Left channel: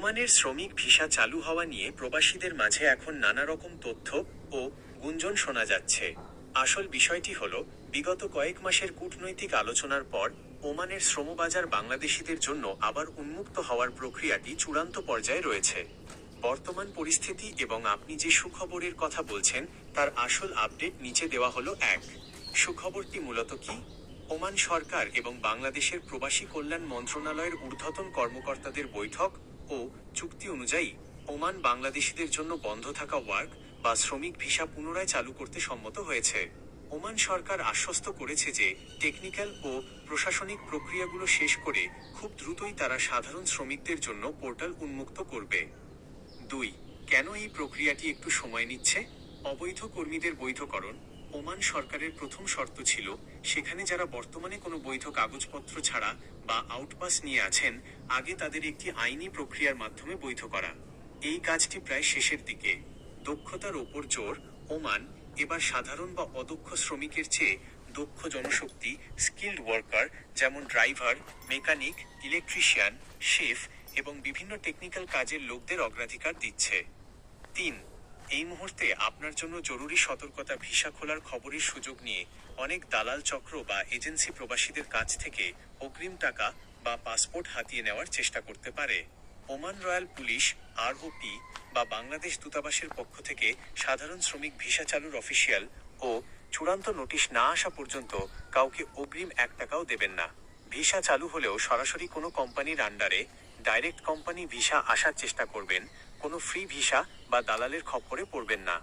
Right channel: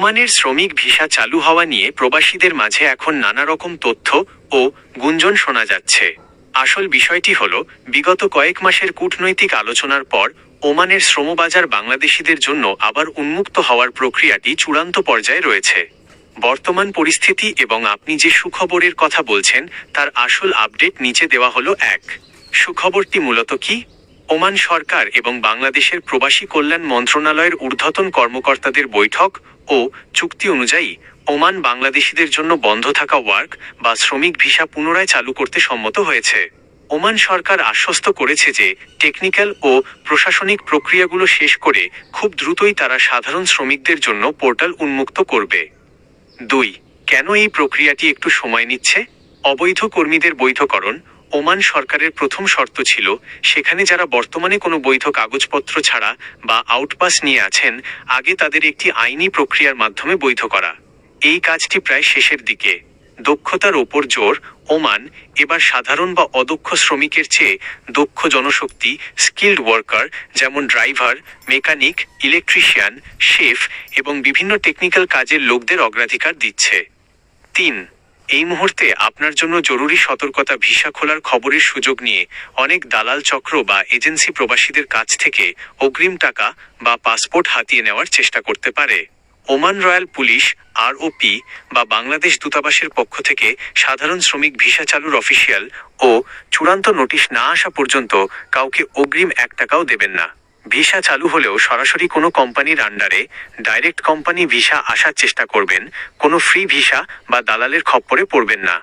ওমানের শ্রমিক ভিসা চালু হওয়া নিয়ে প্রবাসীদের মাঝে এখন নানা রকম তথ্য ও গুঞ্জন শোনা যাচ্ছে। আসল বিষয়টি হল, বিগত কয়েক মাসের কূটনৈতিক আলোচনার পর ওমানের শ্রমবাজার বাংলাদেশিদের জন্য আবার উন্মুক্ত হওয়ার প্রক্রিয়াটি চূড়ান্ত পর্যায়ে রয়েছে। বর্তমান পরিস্থিতি এবং আপনি যে সুখবরের কথা বলছেন তার আসল আপডেট নিচে দেওয়া হলো। এক, সুখবরটি মূলত কি? ওমান সরকার এবং বাংলাদেশের প্রবাসী কল্যাণ মন্ত্রণালয়ের ঊর্ধ্বতন কর্মকর্তাদের বৈঠক ও চুক্তি অনুযায়ী ওমান বাংলাদেশিদের জন্য বন্ধ থাকা ওয়ার্ক বা শ্রমিক ভিসা পুনরায় চালু করতে সম্মত হয়েছে। ওমান সরকার আশ্বস্ত করেছে যে টেকনিক্যাল ও প্রশাসনিক প্রক্রিয়াগুলো শেষ করে খুব দ্রুতই তারা সাধারণ শ্রমিকদের জন্য পোর্টাল উন্মুক্ত করবে। 2, কেন এই প্রক্রিয়াটি একটু সময় নিচ্ছে? অবৈধ কর্মীদের বৈধকরণ ওমান সরকারের প্রথম শর্ত ছিল, সেখানে যারা বর্তমানে কোনো বৈধ কাগজপত্র ছাড়া বা আউটপাস নিয়ে আছেন, আগে তাদের একটি আইনি প্রক্রিয়ার মাধ্যমে বৈধ করা। এই কাজটি প্রায় শেষের দিকে। দক্ষতার ওপর জোর, ওমান এবার সাধারণ বা অদক্ষ শ্রমিকের চেয়ে দক্ষ জনশক্তি, স্কিল্ড ওয়ার্কার যেমন ড্রাইভার, মেকানিক, ইলেকট্রিশিয়ান, শেফ এবং বিভিন্ন টেকনিক্যাল কাজের লোকদের অগ্রাধিকার দিচ্ছে। 3, এই মুহূর্তে আপনার জন্য জরুরি সতর্কতা, ভিসা খোলার খবরের সুযোগ নিয়ে অনেক দালাল চক্র বা এজেন্সি প্রবাসীদের কাছ থেকে অগ্রিম টাকা বা পাসপোর্ট হাতিয়ে নেওয়ার চেষ্টা করতে পারে। ওমান রয়্যাল পুলিশ আরওপি বা বাংলাদেশ দূতাবাসের পক্ষ থেকে সাধারণ শ্রমিক ভিসা চালুর অফিসিয়াল ও চূড়ান্ত নোটিশ না আসা পর্যন্ত কাউকে অগ্রিম 1 টাকাও দেবেন না। ভিসা চালু হলেও সরাসরি কোনো কোম্পানির আন্ডারে ডাইরেক্ট কোম্পানি ভিসা আসার চেষ্টা করবেন, কোনো ফ্রি ভিসা বা দালালের খপ্পরে পড়বেন না।